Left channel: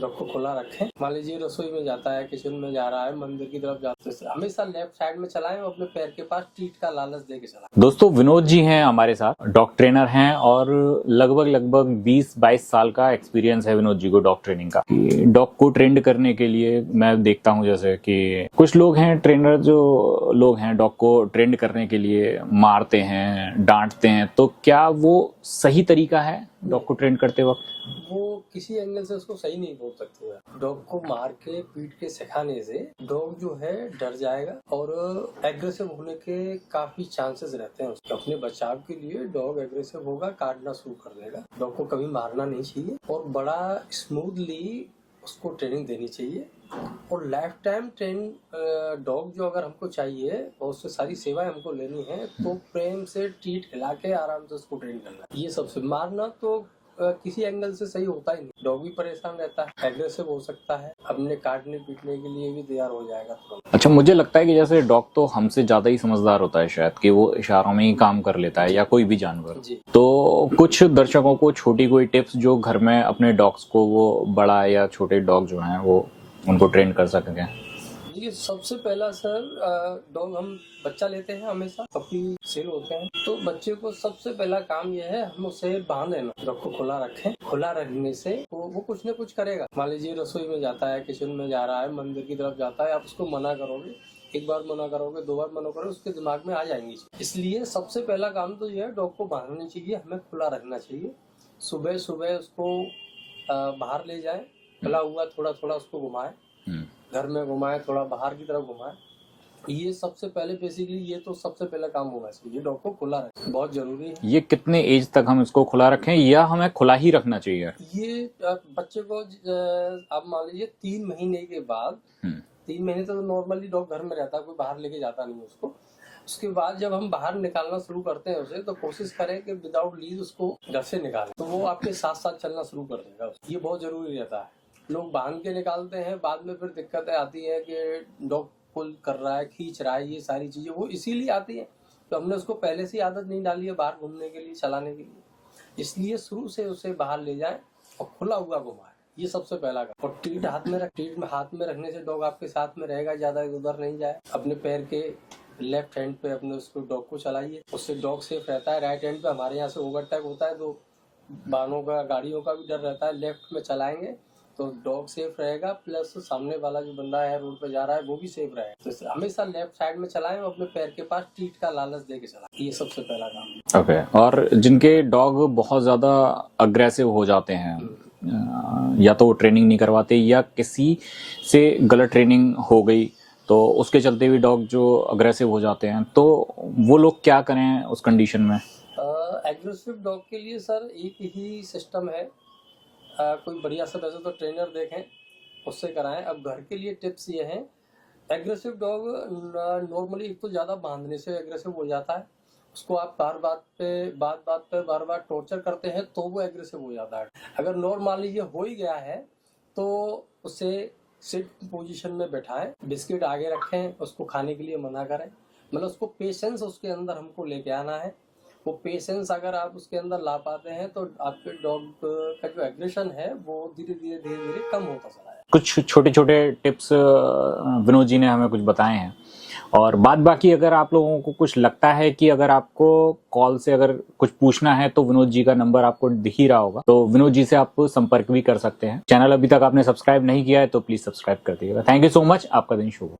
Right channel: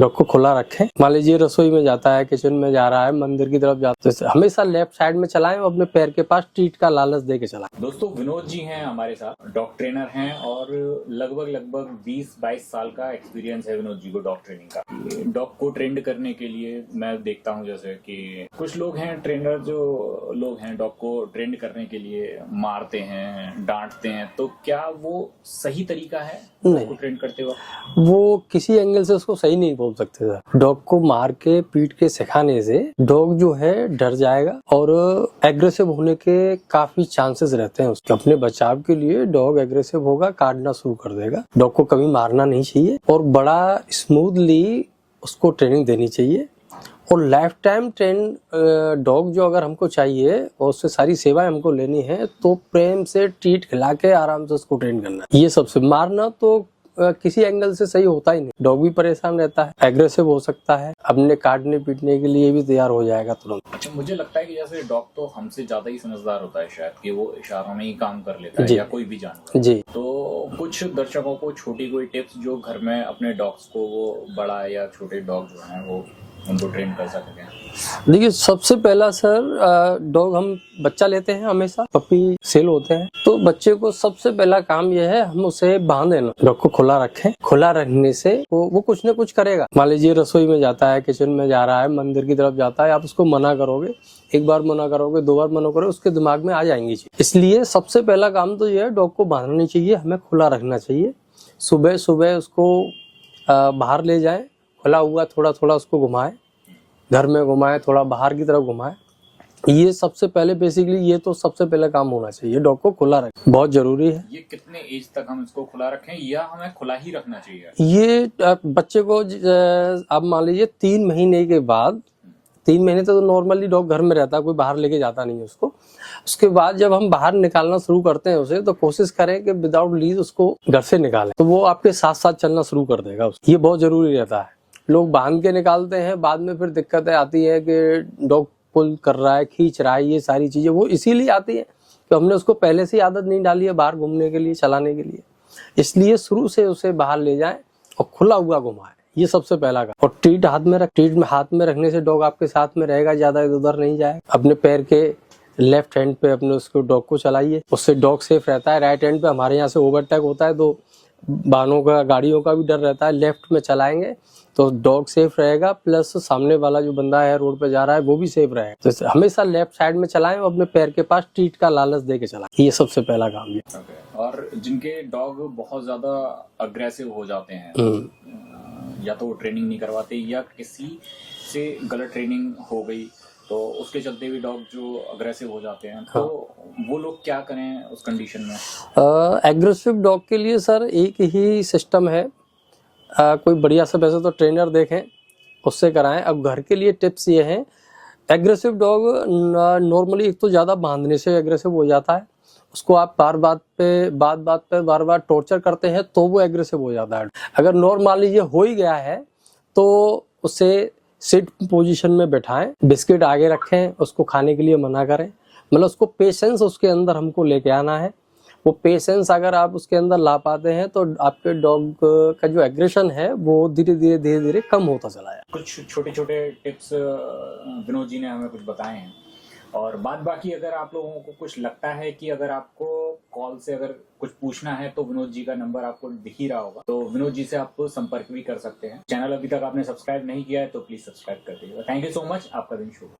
Dog को खुला रखें। मान लीजिए रसोई में जाता है, किचन में जा रहा है, मंदिर की तरफ जाता है, हमेशा लेफ्ट साइड में चलाएं और अपने पैर के पास ट्रीट का लालच दे के चलाएं। दोस्तों, विनोद जी हैं हमारे साथ, डॉग ट्रेनर हैं और लगभग 20-22 साल का एक्सपीरियंस है विनोद जी को डॉग ट्रेनिंग का। डॉग को ट्रेंड करने के लिए मैं देखता हूं जैसे कि कुछ लोग हैं ट्रेनर, जो लोग हैं डॉग को ट्रेंड करने के लिए मारते हैं, डांटते हैं, तो क्या वो सही तरीका है डॉग को ट्रेंड करते वक्त? वो किसी एंगल से उसको सही नहीं बोल सकते सर। डॉग को मार के पीट के सिखाने से डॉग जो है डर जाएगा और एग्रेसिव होने के काफी चांसेस रहते हैं उसके। अपने बचाव के लिए डॉग एग्रेसिव होगा, काटना शुरू कर देगा। डॉग को कभी मारना नहीं चाहिए और बड़ा स्मूथली उसको ट्रेनिंग देनी चाहिए। और लाइफ टाइम ट्रेन डॉग जो अगर हमको चाहिए और उससे सारी सेवाएं हमको लेनी है तो प्रेम से ट्रीट खिला के आराम से उसको ट्रेन करना है। ये सबसे मारना तो किसी एंगल से सही होता ही नहीं। डॉग भी परेशान रहता है, एग्रेसिव हो सकता है, अपने काटने पीटने के लिए भी तैयार हो जाएगा तुरंत। अच्छा, मुझे लगता है कि जैसे डॉग तो हमसे ज्यादा ही समझदार होता है शायद, कि वो इशारों में ही काम कर लेता है, या कोई भी जानवर जी। तो कुछ दर्शकों को छोटी कोई टिप्स जो घर में अपने डॉग्स को, वो बड़ा या छोटे डॉग जो हैं वो उनको ट्रेन कर सकें। देखिए, सबसे पहला सर, डॉग हम बच्चा लेते हैं, हमेशा पपी सेल होते हैं, तो बच्चे को सबसे पहला काम यह है हम उसे बांध देना। डॉग को खुला रखें। खुला रखने से वो कुछ न कुछ करेगा। मान लीजिए रसोई में जाता है, किचन में जा रहा है, मंदिर की तरफ जाता है, आप उसको मना करोगे, एक बार मना करोगे, 2 बार मना करोगे, उसके दिमाग में आ जाएंगी चीज। इसलिए सबसे पहला काम तो यह है, डॉग को बांधना नहीं चाहिए, हमें खुला रखना चाहिए। सुबह सुबह उसको बाहर ले जाएं, खुला हुआ थोड़ा थोड़ा उसको घुमाएं, घर में घुमाएं, थोड़ा बाहर की तरफ घुमाएं। ये सबसे पहले बेसिकली ये तो सबसे पहले काम होना चाहिए। डॉग को खुला रखें, बहुत जरूरी है। ये कितने एज तक हम इसको खुला रखें या हमें खुला ही रखना चाहिए? ये बच्चे को आप मान लीजिए 3 महीने के बाद, 3 महीने तो नॉर्मली डॉग घर में रहता है, कोई बाहर लेके जाता नहीं है उसको। उसके बाद जब हम बाहर निकालना शुरू करते हैं उसे, तो कोशिश करें कि विदाउट लीज उसको घर से निकालें, तो वो आपके साथ साथ चलना शुरू कर देगा। ये बहुत जरूरी रहता है। लोग बांध के निकालते हैं, बाद में फिर दिक्कतें आती है कि डॉग पुल कर रहा है, खींच रहा है, ये सारी चीजें वो इसीलिए आती है कि हमने उसको पहले से आदत नहीं डाली है बाहर घूमने के लिए, चलाने के लिए। इसलिए शुरू से उसे बाहर ले जाएं और खुला हुआ घुमाएं, ये सबसे पहला काम। और ट्रीट हाथ में रखने से डॉग आपके साथ में रहेगा, ज्यादा इधर उधर नहीं जाए। अपने पैर के लेफ्ट हैंड पे अपने उसको डॉग को चलाइए, उससे डॉग सेफ रहता है। राइट हैंड पे हमारे यहाँ से ओवरटेक होता है तो वाहनों का, गाड़ियों का भी डर रहता है। लेफ्ट में चलाएंगे तो डॉग सेफ रहेगा, प्लस सामने वाला जो बंदा है रोड पे जा रहा है वो भी सेफ रहेगा। तो हमेशा लेफ्ट साइड में चलाएं और अपने पैर के पास ट्रीट का लालच दे के चलाएं, ये सबसे पहला काम है। ओके। और जिनके डॉग बहुत ज्यादा अग्रेसिव हो जाते हैं, या तो वो ट्रेनिंग नहीं करवाते या किसी से गलत ट्रेनिंग हो गई, तो उसके चलते भी डॉग जो अग्रेसिव हो जाते हैं, तो वो लोग क्या करें उस कंडीशन में? एग्रेसिव डॉग के लिए सर एक ही सिस्टम है। कोई बढ़िया सा वैसे तो ट्रेनर देखें, उससे कराएं। अब घर के लिए टिप्स ये हैं, एग्रेसिव डॉग नॉर्मली एक तो ज़्यादा बांधने से एग्रेसिव हो जाता है। उसको आप बार बार टॉर्चर करते हैं तो वो एग्रेसिव हो जाता है। अगर नॉर्मली ये हो ही गया है तो उसे सिट पोजीशन में बैठाएं, बिस्किट आगे रखें, उसको खाने के लिए मना करें। मतलब उसको पेशेंस उसके अंदर हमको लेके आना है। वो पेशेंस अगर आप उसके अंदर ला पाते हैं तो आपके डॉग का जो एग्रेशन है वो धीरे धीरे कम होता चला जाए। कुछ छोटे छोटे टिप्स विनोद जी ने हमें कुछ बताए हैं। और बाद बाकी अगर आप लोगों को कुछ लगता है कि अगर आपको कॉल से अगर कुछ पूछना है तो विनोद जी का नंबर आपको दिख ही रहा होगा, तो विनोद जी से आप संपर्क भी कर सकते हैं। चैनल अभी तक आपने सब्सक्राइब नहीं किया है तो प्लीज सब्सक्राइब कर दीजिएगा। Thank you so much. आपका दिन शुभ हो।